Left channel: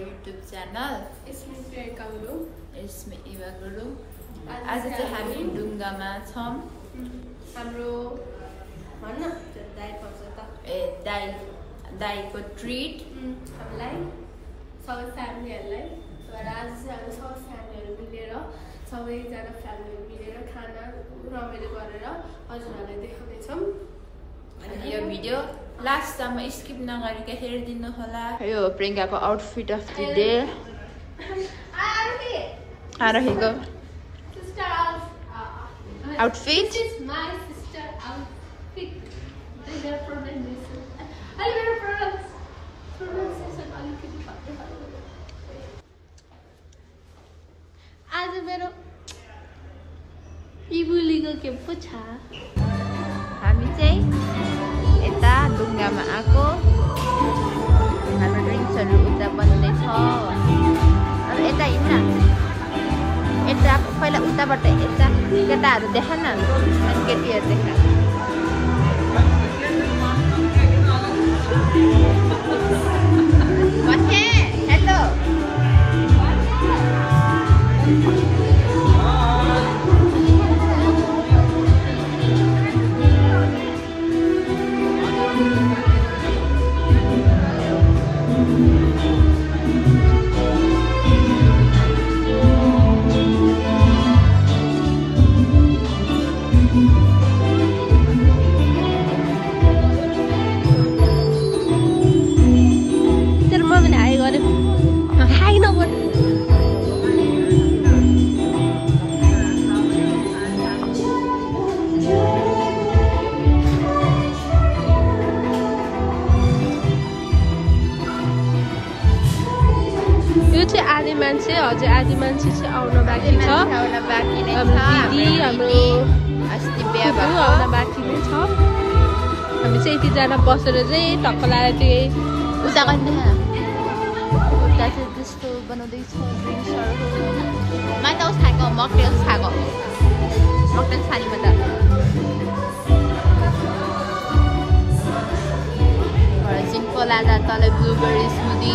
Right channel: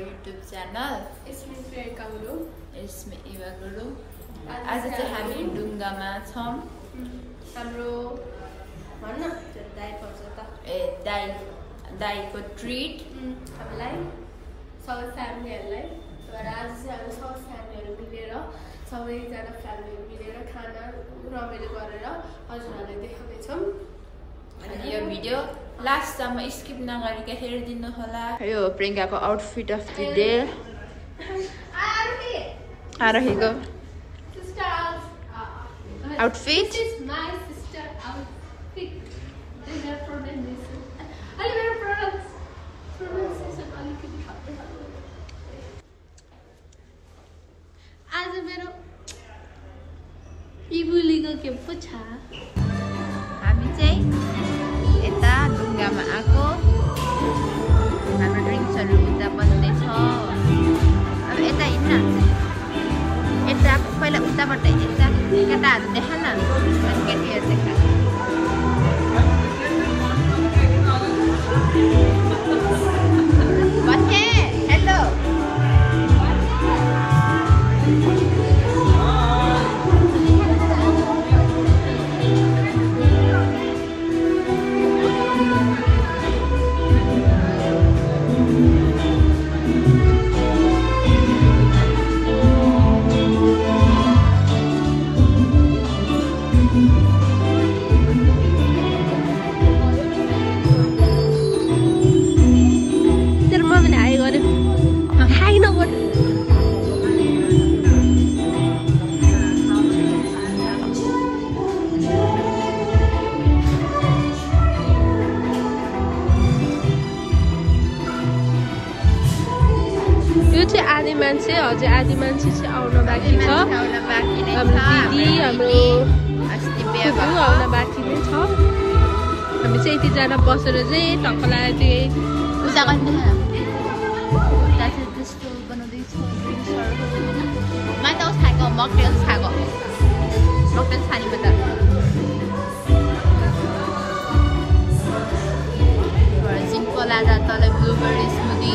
YouTube channel. It's me Eva Guru. आज चाहिँ हामी डुङ्गामा छौं हाम्रो दाइको ट्रिट हामीलाई सबै फ्यामिलीहरुलाई र आज हामी सबै फ्यामिलीहरु मिलेर सबैजना फ्यामिली मिलेर खाना रमाइलो गरेर हजुरहरुलाई देखाउने छौं। अनि यो भिडियो लास्ट सम्म स्किप नगरिकन हेरिदिनु होला। यो प्रियंकाको आउटफिट अफ द डे आरहेको outfit. This is my sister outfit. These are pronunciation. I will pronunciation आज मेरो इबुलीको के पो छ। हामी चाहिँ यता डुङ्गामा आको ड्रिङ्क्सहरु उता बन्दैछ। यता हिँड्न यता पहिला उताबाट यता केटाहरु देखेन अनि केटीहरु देखा बसे हेलो अझै आधी मान्छे चाहिँ आउन बाँकी छ। हाम्रो दिदी हाम्रो फुपू आउन बाँकी नै छ। हामी चाहिँ यतिजना बसेर चाहिँ टक्क लागेको त्यस्तो बनाउँदैछ। मैले खाएको मकटेल खाएको सिम्पल आधा तल ब्लुबेरी स्मुदी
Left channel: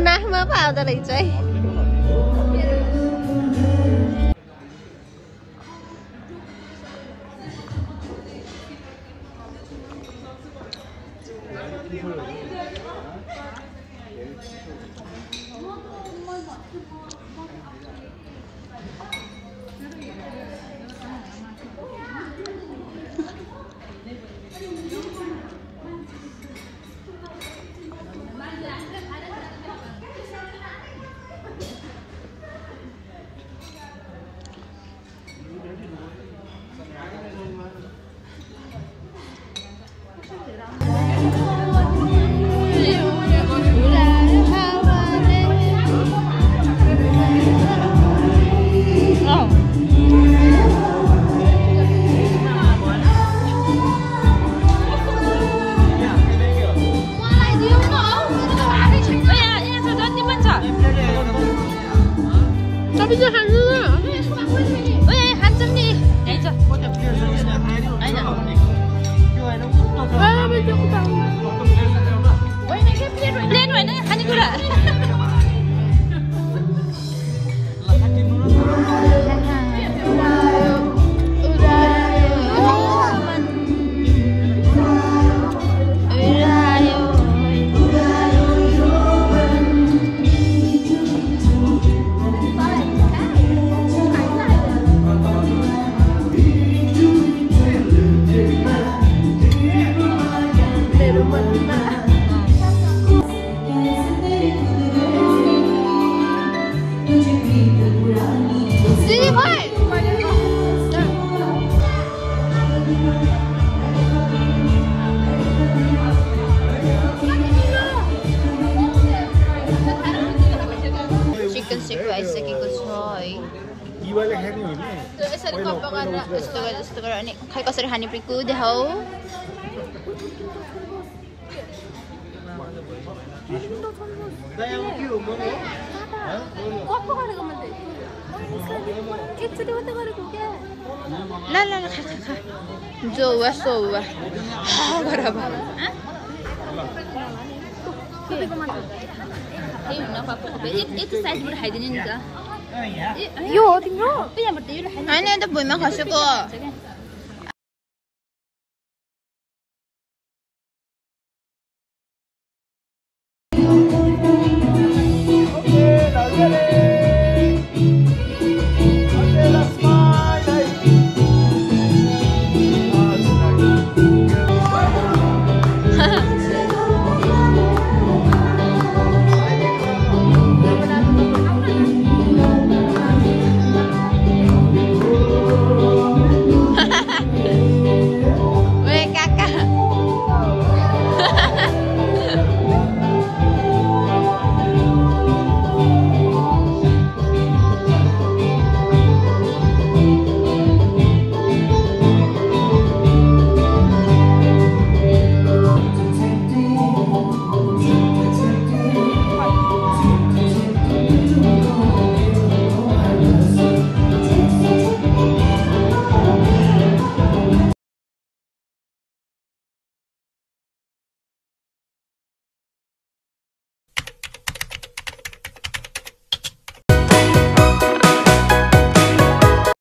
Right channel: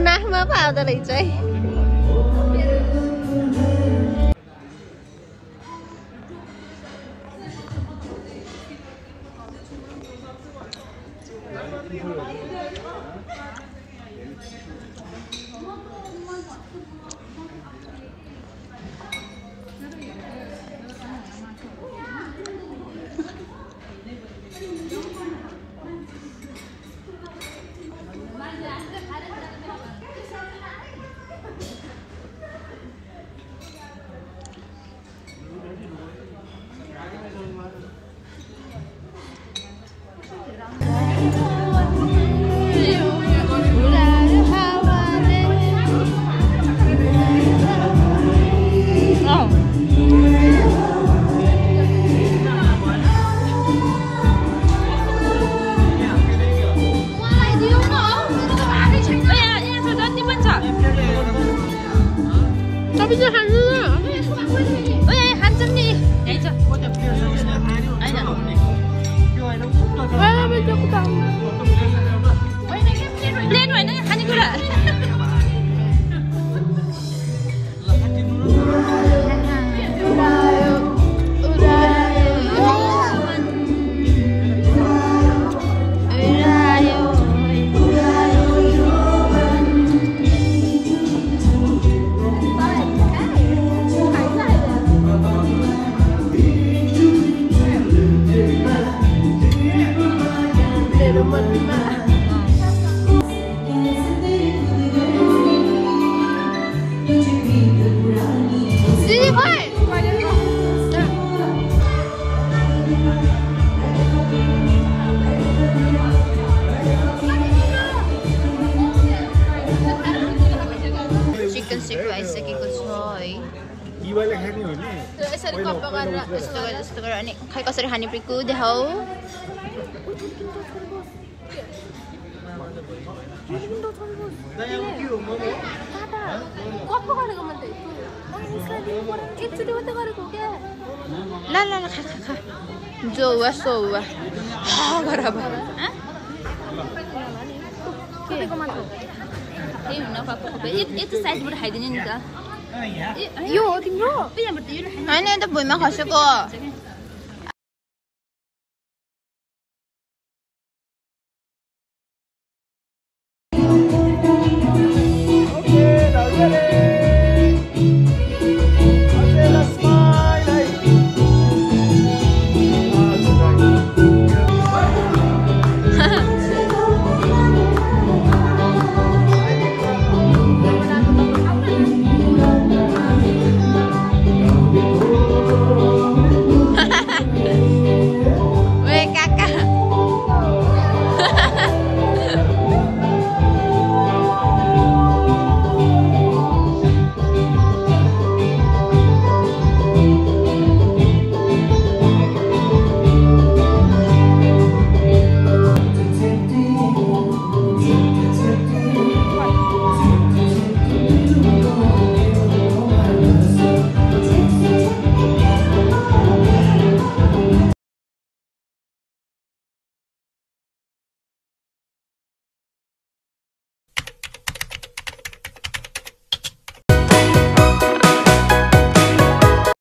नाकमा पाउँदो रहेछ है। चिकन स्टिक आइसकेको छ है यस्तो गरेर अनि खै कसरी खाने पिकु देखाऊ ला ला खा खा खा जो हुआ सो हुआ बराबर यो हो तिम्रो होइन त भुइँमा खसेको